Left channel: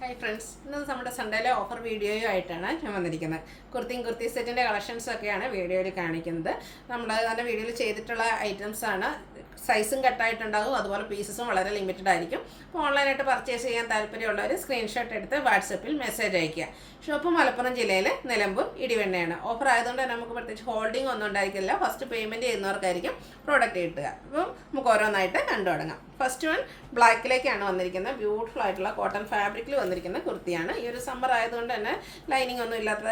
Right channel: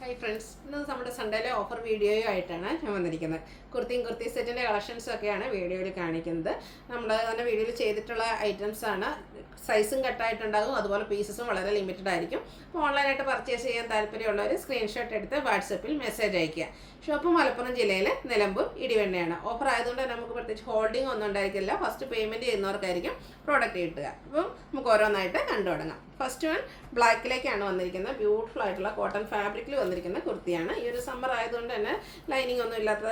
Hi friends, ഇന്ന് നമ്മുടെ സൺഡേയിലെ offer വീഡിയോയുമായിട്ടാണ് ഞാൻ വന്നിരിക്കുന്നത്. കുർത്തി സെറ്റിൻ്റെ കളക്ഷൻസൊക്കെയാണ് വീഡിയോയിൽ കാണിക്കുന്നത്. നമ്മൾ നല്ല വീഡിയോയിൽ ചെയ്തിട്ടുള്ള ഐറ്റംസാണ്. സൈസും കട്ടായിട്ടുണ്ടാകും, അതുപോലെ പീസസും വളരെ ലിമിറ്റഡ് ആയിരിക്കും. അപ്പോൾ ഓൺലൈനായിട്ട് പർച്ചേസ് ചെയ്യാൻ താല്പര്യമുള്ളവർ സ്ക്രീൻഷോട്ട് എടുത്ത് വാട്സപ്പിൽ മെസ്സേജ് അയയ്ക്കുക. ഷോപ്പ് മലപ്പുറം ജില്ലയിലെ നിലമ്പൂർ ഇടിവെണ്ണയാണ്. ഓഫർ ആയതുകൊണ്ട് നമുക്ക് പ്രത്യേകിച്ച് ഹോൾഡിംഗ് ഒന്നും ഉണ്ടായിരിക്കില്ല. ഫസ്റ്റ് പേയ്മെൻറ്റ് ചെയ്യുന്നവർക്കായിരിക്കും പ്രോഡക്റ്റ് കിട്ടുക. അപ്പം നമുക്ക് ഓരോന്നായിട്ട് കണ്ടു തുടങ്ങാം. ഫസ്റ്റ് വൺ ബ്ലാക്കിലേക്കാണ് വന്നിരിക്കുന്നത്. ബ്യൂട്ടിഫുൾ ആയിട്ടുള്ള കോട്ടൺ ഫാബ്രിക്കിൽ വന്നിരിക്കുന്ന കുർത്തിയാണ്. ഈ ഒരു സമ്മർ ആയതുകൊണ്ട് തന്നെ ലൈനിങ് ഒന്നും ഇല്ലാത്ത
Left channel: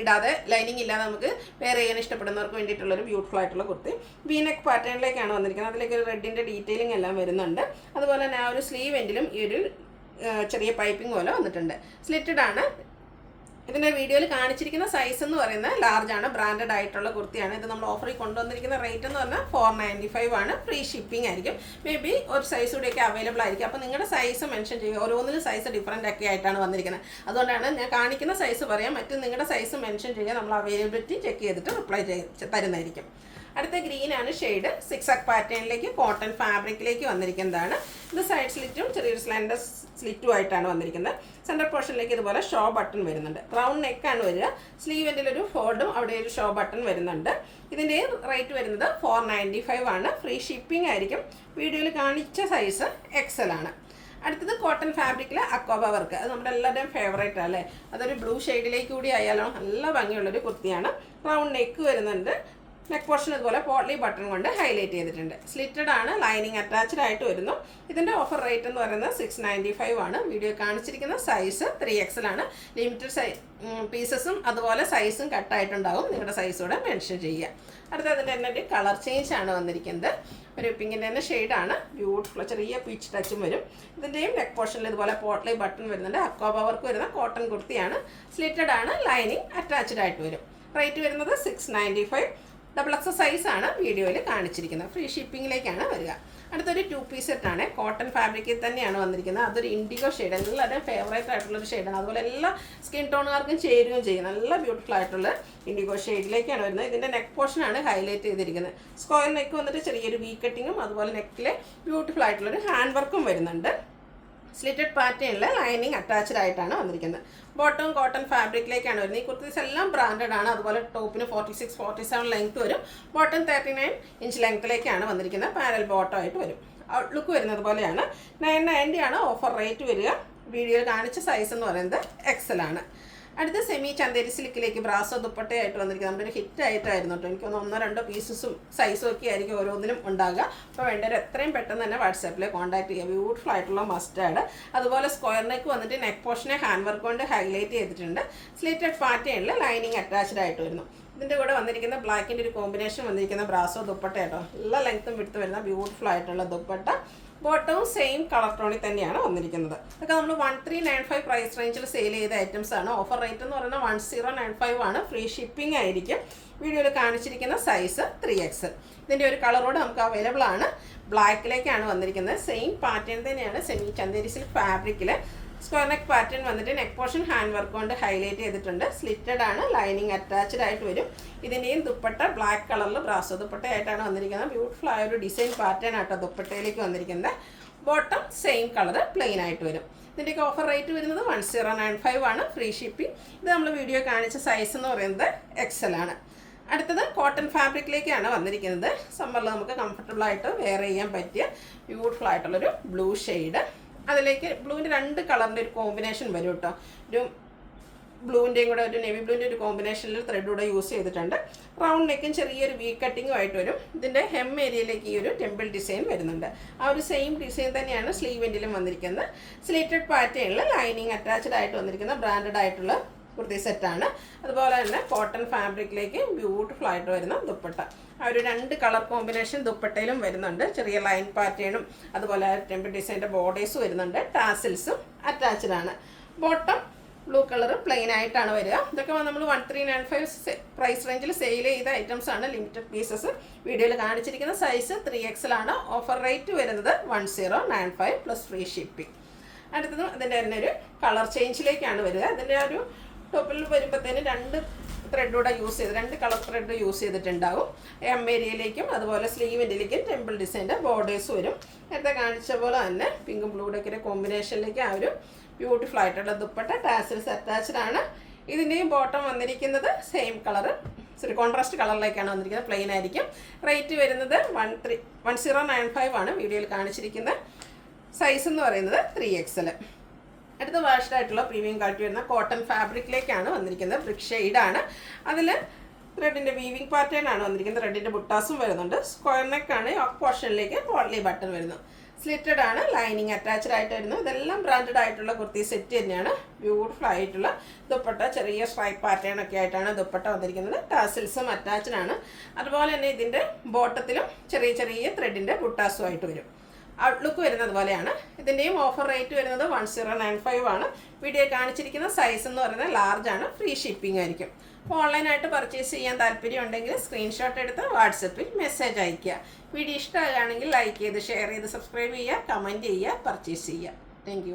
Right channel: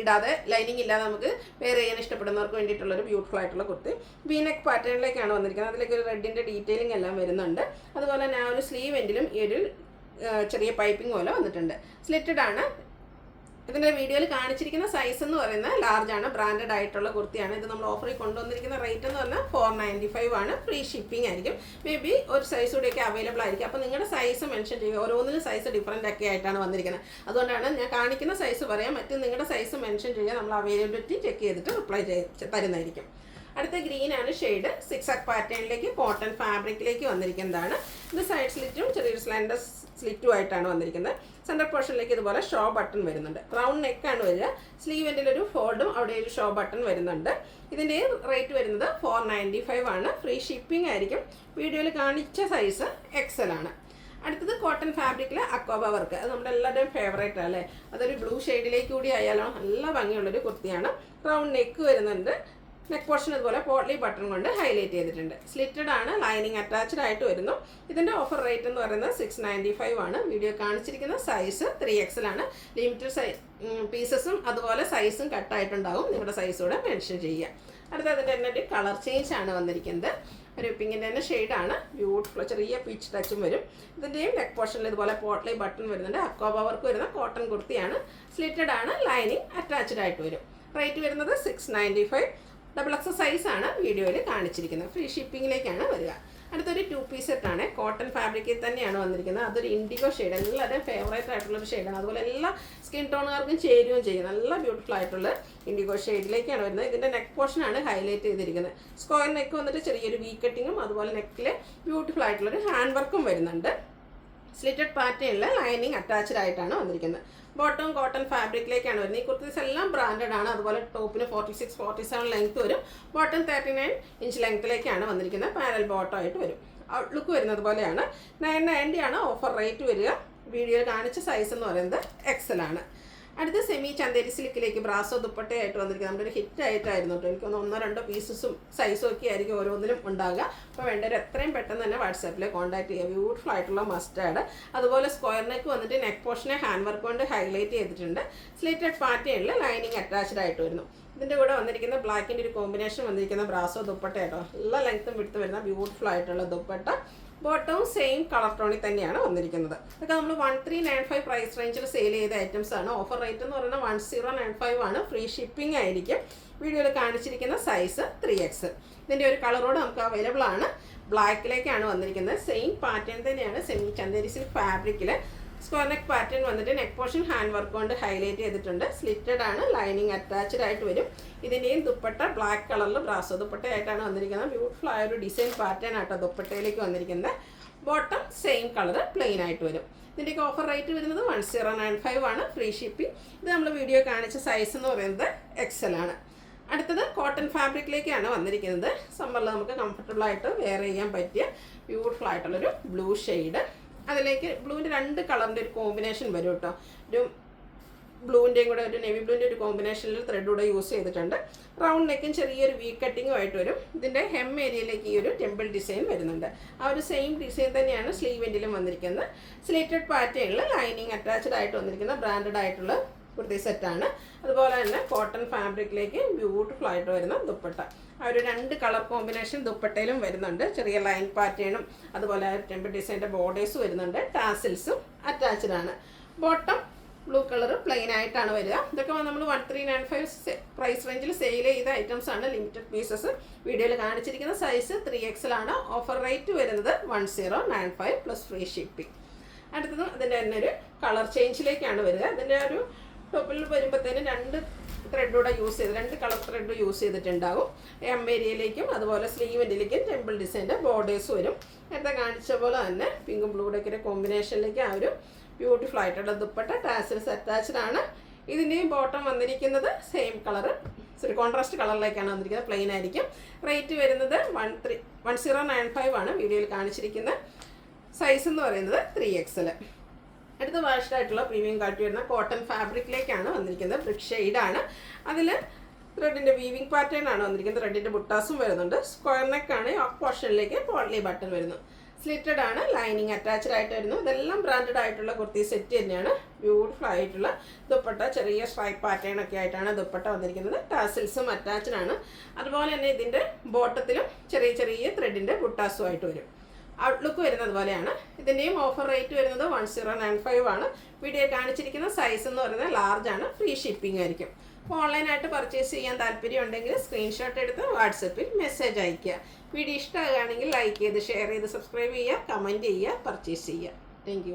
ഇടാതെ ലൈനിങ് ഇല്ലാതെ നമുക്ക് വെയർ ചെയ്യാൻ ഇഷ്ടപ്പെടുന്നവർക്ക് വേണ്ടിയിട്ടുള്ളൊരു ബ്യൂട്ടിഫുൾ ആയിട്ടുള്ള കുർത്തി. വി നെക്ക് പാറ്റേണിലേക്കാണ് വന്നിരിക്കുന്നത്. അതിലേക്ക് ഒരു റെഡിൻ്റെ ഡീറ്റെയിലിംഗ് എല്ലാം വരുന്നുണ്ട്. അതുപോലെ തന്നെ ആ ഒരു സ്ലീവ് എൻഡിലും ഈ ഒരു ചെറിയ പൈപ്പിംഗ് പോലെ വന്നിട്ടുണ്ട്. സ്ലിറ്റഡ് ആണ്. ഇതിൻ്റെ വീഡിയോയിൽ കാണിച്ചിരിക്കുന്ന സൈസ് എന്ന് പറയുന്നത് ലാർജ് ആണ്. ബ്രാൻഡഡ് ആയിട്ടുള്ള കുർത്തിയാണ്. ഇത് നമ്മൾ ഓഫറിൽ കൊണ്ടുവന്നിരിക്കുന്ന റേറ്റ് എന്ന് പറഞ്ഞാൽ 495 ആണ്. ഫ്രീ ഷിപ്പിംഗ് ആയിരിക്കും. മേ ബി ഒരു സൈസ് കൂടിയൊക്കെ അവൈലബിൾ ആയിരിക്കും. അപ്പോൾ നിങ്ങളുടെ സൈസ് മെൻഷൻ ചെയ്യുക. ഓരോന്നിനും സൈസ് ഡിഫറൻ്റ് ഒക്കെ ആയിട്ടാണ് വന്നിരിക്കുന്നത്. അതുകൊണ്ടാണ് ഞാൻ കാണിക്കുന്ന സൈസ് പറയാം, മറ്റു നിങ്ങളുടെ സൈസ് മെൻഷൻ ചെയ്യുക. നമ്മൾ അവൈലബിലിറ്റി ചെക്ക് ചെയ്തിട്ട് റിപ്ലൈ തരുന്നതായിരിക്കും. അടുത്ത ഗ്രീനാണ് ഷെയ്ഡ്. 6 പാറ്റേണിലേക്ക് കോട്ടൺ ഫാബ്രിക്കിലേക്ക് വന്നിരിക്കുന്നതാണ്. ഇത് സൈഡ് സ്ലിറ്റും ചെറിയൊരു സ്ലാൻഡർ സ്ലിറ്റും ആയിട്ടാണ് വന്നിരിക്കുന്നത്. സെൻറ്റർ പോർഷനിലേക്ക് ഇതുപോലെ ഷോ ബട്ടൺ വരുന്നുണ്ട്. റൗണ്ട് നെക്കാണ് വരിക. സ്ലീവിൻ്റെ ഒരു ഫോൾഡും അവിടെ ഒരു ഷോ ബട്ടൺ വരുന്നുണ്ട്. ഇതിൻ്റെ റേറ്റ് വരുന്നത് 495 ആണ്. ഫ്രീ ഷിപ്പിംഗ് ആയിരിക്കും. വീഡിയോയിൽ കാണിച്ച സൈസ് XL ആണ്. അടുത്തത് കോട്ടൺ ഫാബ്രിക്കിൽ അക്വാബ വർക്ക്. അത് നമ്മുടെ എല്ലാവരുടെയും ഫേവറേറ്റ് അല്ലേ. അതൊരു ബ്ലൂ ഷെയ്ഡിലേക്ക് കൂടി ആയാലും നല്ല ഭംഗിയുള്ളൊരു കുർത്തിയാണ്. റൗണ്ട് നെക്ക് വരുന്നുണ്ട്. നെക്ക് പോർഷൻ ഇതുപോലെ പോട്ട്ലി ബട്ടൺ കൊണ്ട് ഹൈലൈറ്റ് ചെയ്തിട്ടുണ്ട്. സ്ലിറ്റഡ് ആണ്. ലൈനിങ് അറ്റാച്ച്ഡ് ആയിട്ട് വരുന്നു. ഇതിൻ്റെ ഓഫർ റേറ്റ് എന്ന് പറയുന്നത് 695 ആണ്. വീഡിയോ കാണിച്ചിരിക്കുന്ന സൈസ് 3XL ആണ്. ലിമിറ്റഡ് പീസസും അതുപോലെ സൈസും കട്ടായിട്ടുണ്ടാകും. നിങ്ങളുടെ സൈസ് കൂടെ മെൻഷൻ ചെയ്യുക. അടുത്തതിൻ്റെ തന്നെ ഒരു കളർ ചേഞ്ച് ആണ് വന്നിരിക്കുന്നത്. ഒരു പിങ്കിൻ്റെ തന്നെ ഷെയ്ഡാണ്. ബ്യൂട്ടിഫുൾ ചെറിയ പീച്ച് ടച്ചും വരും. ഇതിൻ്റെയും നെക്ക് പോർഷനിൽ ഇതുപോലെ പോട്ട്ലി ബട്ടൺ വരുന്നുണ്ട്. അക്വാബ വർക്ക് വരുന്ന കോട്ടൺ കുർത്തിയാണ്. സ്ലിറ്റഡ് ആണ്. ലൈനിങ് അറ്റാച്ച്ഡ് ആയിട്ട് വരും. റേറ്റ് വരുന്നത് 695. XXL സൈസാണ് വീഡിയോയിൽ കാണിച്ചിരിക്കുന്നത്. ഫ്രീ ഷിപ്പിങ്ങിലേക്കാണ് വരിക. അടുത്തൊരു 2 പീസ് സെറ്റാണ്. കോട്ടൺ ഫാബ്രിക്കിൽ തന്നെയാണ് വന്നിരിക്കുന്നത്. അതൊരു ഇൻഡിഗോ ഷെയ്ഡ്. എല്ലാവരുടെയും ഫേവറേറ്റ് ആയിട്ടുള്ളൊരു ഷെയ്ഡാണ്. അതുപോലെ എല്ലാ സ്കിൻ ടോണുകാർക്കും ചേരുകയും ചെയ്യും. നല്ല ബ്യൂട്ടിഫുൾ ആയിട്ടുള്ള ഇൻഡിഗോ ഷെയ്ഡിലേക്കാണ് വരുന്നത്. ഇതിൻ്റെ നെക്ക് പോർഷനാണ് ഹൈലൈറ്റ് ചെയ്തിരിക്കുന്നത്. സ്ക്വയർ നെക്ക് വന്നിട്ട് ചെറിയൊരു വി കട്ടിങ്ങും അതുപോലെ നെക്കിലെ ബ്യൂട്ടിഫുൾ ആയിട്ടുള്ളൊരു ഹാൻഡ് വർക്കും വരുന്നുണ്ട്. സ്ലിറ്റഡ് പാറ്റേണിൽ ലൈനിങ് അറ്റാച്ച്ഡ് ആയിട്ടാണ് വന്നിരിക്കുന്നത്. ബോട്ടം കോട്ടൺ ഫാബ്രിക്കിലേക്കാണ് വരുന്നത്. ഈ കുർത്തീസ് എല്ലാം ബ്രാൻഡഡ് ആണ്. അതുപോലെ ടോപ്പിന് 46-47 ലെങ്ത് വരും. ബോട്ടം 39 ഇഞ്ച് ലെങ്ത്തിലേക്കാണ് വന്നിരിക്കുന്നത്. പാരൽ ബോട്ടം ആയിട്ട് വരും. ഔട്ട്ലുക്ക് വരുന്നത് പോലെയാണ്. 990 ആണ് ഓഫർ റേറ്റ് വരിക. വീഡിയോയിൽ കാണിച്ച സൈസ് എന്ന് പറയുന്നത് XL ആണ്. അടുത്ത സെമി ചന്തേരി സിൽക്കിലേക്ക് ബ്രാസോ ദുപ്പട്ടയായിട്ട് വന്നിരിക്കുന്നത്. നമ്മുടെ ഒരു ഹിറ്റ് ആയിട്ടായിരുന്നു കേട്ടോ. എനിക്ക് 1-2 പീസസും സൈസും ഒക്കെ ആയിരിക്കും ഓരോന്നിനും ഉണ്ടാകുക. അപ്പോൾ വേണ്ടവർ എത്രയും പെട്ടെന്ന് തന്നെ വാട്സാപ്പിൽ കോൺടാക്ട് ചെയ്യുക. ബ്യൂട്ടിഫുൾ ആയിട്ടുള്ള മസ്റ്റാർഡ്. അതുപോലെ സ്ക്വയർ നെക്ക് വന്നിട്ട് നെക്ക് പോർഷനെ ഹാൻഡ് വർക്ക് കൊണ്ട് ഹൈലൈറ്റ് ചെയ്തിട്ടുണ്ട്. സ്ലിറ്റഡ് പാറ്റേണിൽ ലൈനിങ് അറ്റാച്ച്ഡ് ആയിട്ട് വരുന്നു. ഇതിൻ്റെ കൂടെ വന്നിരിക്കുന്ന ബ്ലാക്കിൻ്റെ ഒരു കോമ്പിനേഷൻ വന്നിരിക്കുന്ന ബ്രാസോ ദുപ്പട്ട കേട്ടോ. എല്ലാ ലെങ്ത്തും വിട്ട് വരുന്ന ബ്യൂട്ടിഫുൾ ആയിട്ടുള്ള ദുപ്പട്ട. ബോട്ടവും സെയിം കളർ ടോണിൽ തന്നെയാണ് വന്നിരിക്കുന്നത്. ഇതൊക്കെ നമ്മൾ 1395 പ്രൈസ് റേഞ്ചിൽ സെയിൽ ചെയ്ത ഐറ്റംസ് ആണ്. ഓഫർ റേറ്റ് എന്ന് പറയുന്നത് 1095 ആണ്. ഫ്രീ ഷിപ്പിംഗ് ആയിരിക്കും. വീഡിയോയിൽ കാണിച്ചിരിക്കുന്ന സൈസ് 3XL. ഇതിൻ്റെ ഒരു കളറോട് നമുക്ക് അവൈലബിൾ ആണ്. ബ്ലാക്കിലേക്കാണ് വന്നിരിക്കുന്നത്. സെയിം പാറ്റേൺ തന്നെയാണ്. സെമി ചന്തേരി സിൽക്ക് ഫാബ്രിക്കിൽ സ്ക്വയർ നെക്ക് പാറ്റേൺ വന്നിട്ട് നെക്ക് പോർഷൻ ഹാൻഡ് വർക്ക് കൊണ്ട് ഹൈലൈറ്റ് ചെയ്തിട്ടുണ്ട്. സ്ലിറ്റഡ് ആണ്. ലൈനിങ് അറ്റാച്ച്ഡ് ആയിട്ട് വരും. ഇതിൻ്റെയും ദുപ്പട്ട ബ്ലാക്ക് കളറിൽ ബ്രാസോ ദുപ്പട്ടയായിട്ടാണ് വന്നിരിക്കുന്നത്. ബ്യൂട്ടിഫുൾ ആയ ഒരു ഡിസൈൻ പാറ്റേൺ ആട്ടോ ദുപ്പട്ടയിലേക്ക് വന്നിരിക്കുന്നത്. ബോട്ടം സെയിം കളർ പ്ലെയിൻ ആയിട്ട് വരും. ഇതിൻ്റെയൊക്കെ ഓഫർ റേറ്റ് വരുന്നത് 1095 ആണ്. Free shipping. ഇത് നമ്മൾ വീഡിയോ കാണിച്ച സൈസ് എന്ന് പറയുന്നത് XL ആണ്. അടുത്തത് കോട്ടൺ ഫാബ്രിക്കിലേക്കാണ് വന്നിരിക്കുന്നത്. സമ്മറിൽ നമുക്ക് കംഫർട്ടബിൾ ആയിട്ട് വെയർ ചെയ്യാൻ പറ്റിയ ബ്യൂട്ടിഫുൾ ആയിട്ടുള്ളൊരു ബ്ലൂ ഷെയ്ഡ്. അതിലേക്ക് ബ്ലൂവിൻ്റെ 2 കളറിൻ്റെ ഒരു കോമ്പിനേഷൻ വരും കേട്ടോ. ഒരു ബ്ലൂവിൻ്റെയും കൂടെ ഒരു നേവി ബ്ലൂവിൻ്റെ ഒരു കോമ്പിനേഷനിൽ ത്രെഡ് കൂടെ യൂസ് ചെയ്തിട്ടുണ്ട്. റൗണ്ട് നെക്കും ചെറിയൊരു വി കട്ടിങ്ങും ആയിട്ട് വരും. ഇതിൻ്റെ ഹെം ഏരിയയിലേക്ക് ഈ ഒരു ടെമ്പിൾ ഡിസൈൻ വരുന്നുണ്ട്. ആ ഒരു സെയിം ഡിസൈൻ തന്നെയാണ് സ്ലീവെൻറ്റിലും വന്നിരിക്കുന്നത്. സ്ലിറ്റഡ് പാറ്റേണിൽ ലൈനിങ് അറ്റാച്ച്ഡ് ആയിട്ട് വന്നിരിക്കുന്ന ബ്രാൻഡഡ് ആയിട്ടുള്ള കുർത്തി സെറ്റാണ്. അതുപോലെ തന്നെ കോട്ടൺ ഫാബ്രിക്കിലേക്ക് ബ്യൂട്ടിഫുൾ ആയിട്ട് വരുന്ന ദുപ്പട്ട. ആ ഒരു 2 കളർ കോമ്പിനേഷൻ ദുപ്പട്ടയിലും വരുന്നുണ്ട്. ചെറിയ ലൈൻ പാറ്റേണും അതുപോലെ ടെമ്പിൾ ഡിസൈൻ്റെ ബോർഡേഴ്സ് വരുന്നുണ്ട്. ടാസിൽസും അറ്റാച്ച്ഡ് ആണ്. ബോട്ടം ബ്ലൂ കളർ പ്ലെയിൻ ആയിട്ടാണ് വരിക. ഇതൊക്കെ നമ്മൾ 1395 പ്രൈസ് റേഞ്ചിൽ സെയിൽ ചെയ്ത ഐറ്റംസ് ആണ്. Limited pieces. വീഡിയോയിൽ കാണിച്ചിരിക്കുന്ന സൈസ് 3XL ആണ്. ഓഫർ റേറ്റ് വരുന്നത് 1095 പ്ലസ് ഫ്രീ ഷിപ്പിംഗ്. അടുത്തതും അതിൻ്റെ തന്നെ ഒരു കളർ ചേഞ്ചിലേക്കാണ് വരിക. അതിൻ്റെ ഒരു ടോപ്പിൽ വരുമ്പോഴത്തേന് 2 ത്രെഡ് കൂടെ യൂസ് ചെയ്ത് 2 കളർ ത്രെഡ് യൂസ് ചെയ്തിട്ടുണ്ടാവും. എം ഏരിയയിലേക്കും അതുപോലെ സ്ലീവിൻ്റെലേക്കും ടെമ്പിൾ ഡിസൈൻ്റെ ബോർഡേഴ്സ് വരും. നേരത്തെ കാണിച്ച പോലെ തന്നെ പിങ്കും ബ്ലൂടെയൊക്കെ കോമ്പിനേഷനിലേക്ക് ആ ഒരു ബ്യൂട്ടിഫുൾ ആയിട്ടുള്ള ദുപ്പട്ട ടാസിൽസ് അറ്റാച്ച്ഡ് ആണ്. ഇതിൻ്റെയും ബോട്ടം വന്നിരിക്കുന്നത് സെയിം കളർ, കോൺട്രാസ്റ്റ് കളറിലേക്കാണ് വന്നിരിക്കുന്നത്, പ്ലെയിൻ ആയിരിക്കും. റേറ്റ് വരുന്നത് 1095 ആണ് വീഡിയോയിൽ കാണിച്ചിരിക്കുന്നത്. സൈസ് എന്ന് പറയുന്നത് 3XL. അടുത്ത വാഷ്ഡ് ആയിട്ടുള്ള പ്രീമിയം ക്വാളിറ്റി വരുന്ന കോട്ടൺ ഫാബ്രിക്കിലേക്കാണ് വന്നിരിക്കുന്നത്. ബ്രിക്ക് ഷെയ്ഡാണ്. അതിൽ ത്രെഡിൻ്റെ വീവിംഗ് പാറ്റേൺ ആണ് വന്നിരിക്കുന്നത്. ത്രെഡിൻ്റെ ബുട്ടാസും വരുന്നുണ്ട്. സ്ക്വയർ നെക്കാണ്. യോക്ക് പോർഷനിലേക്ക് പോട്ട്ലി ബട്ടൺ വരുന്നു. സ്ലിറ്റഡ് ആണ്. ലൈനിങ് അറ്റാച്ച്ഡ് ആയിട്ട് വരുന്നു. ഇതെല്ലാം ബ്രാൻഡഡ് ആയിട്ടുള്ള കുർത്തി സെറ്റ് തന്നെയാണ്. ബ്യൂട്ടിഫുൾ ആയിട്ടുള്ള ദുപ്പട്ട, ചെറിയ സ്ട്രൈപ്പ് പാറ്റേൺ ഒക്കെ ആയിട്ടാണ് ദുപ്പട്ട വന്നിരിക്കുന്നത്. ടാസിൽസും അറ്റാച്ച്ഡ് ആണ്. അതുപോലെ തന്നെ ഇതിൻ്റെ ബോട്ടത്തിലും ചെറിയ ചെറിയ ത്രെഡിൻ്റെ ബുട്ടാസും ആയിട്ട് വരും. ഔട്ട്ലുക്ക് വരുന്നത് പോലെയാണ്. ഇതിൻ്റെയും ഓഫർ റേറ്റ് വരുന്നത് 1095 ആണ്. വീഡിയോ കാണിച്ചിരിക്കുന്ന സൈസ് എന്ന് പറയുന്നത് ലാർജ് ആണ്. ഫ്രീ ഷിപ്പിംഗ് ആയിരിക്കും. അപ്പോൾ ഓൺലൈനായിട്ട് പർച്ചേസ് ചെയ്യാൻ താല്പര്യം ഉണ്ടെങ്കിൽ സ്ക്രീൻഷോട്ട് എടുത്ത് വാട്സപ്പിൽ മെസ്സേജ് അയയ്ക്കുക. വീഡിയോ ഇഷ്ടമാകുകയാണെങ്കിൽ ലൈക്ക് ചെയ്ത് ഷെയർ ചെയ്ത് സബ്സ്ക്രൈബ് ചെയ്യുക, കമൻറ്റ് ചെയ്യുക, പർച്ചേസ് ചെയ്യുക. താങ്ക്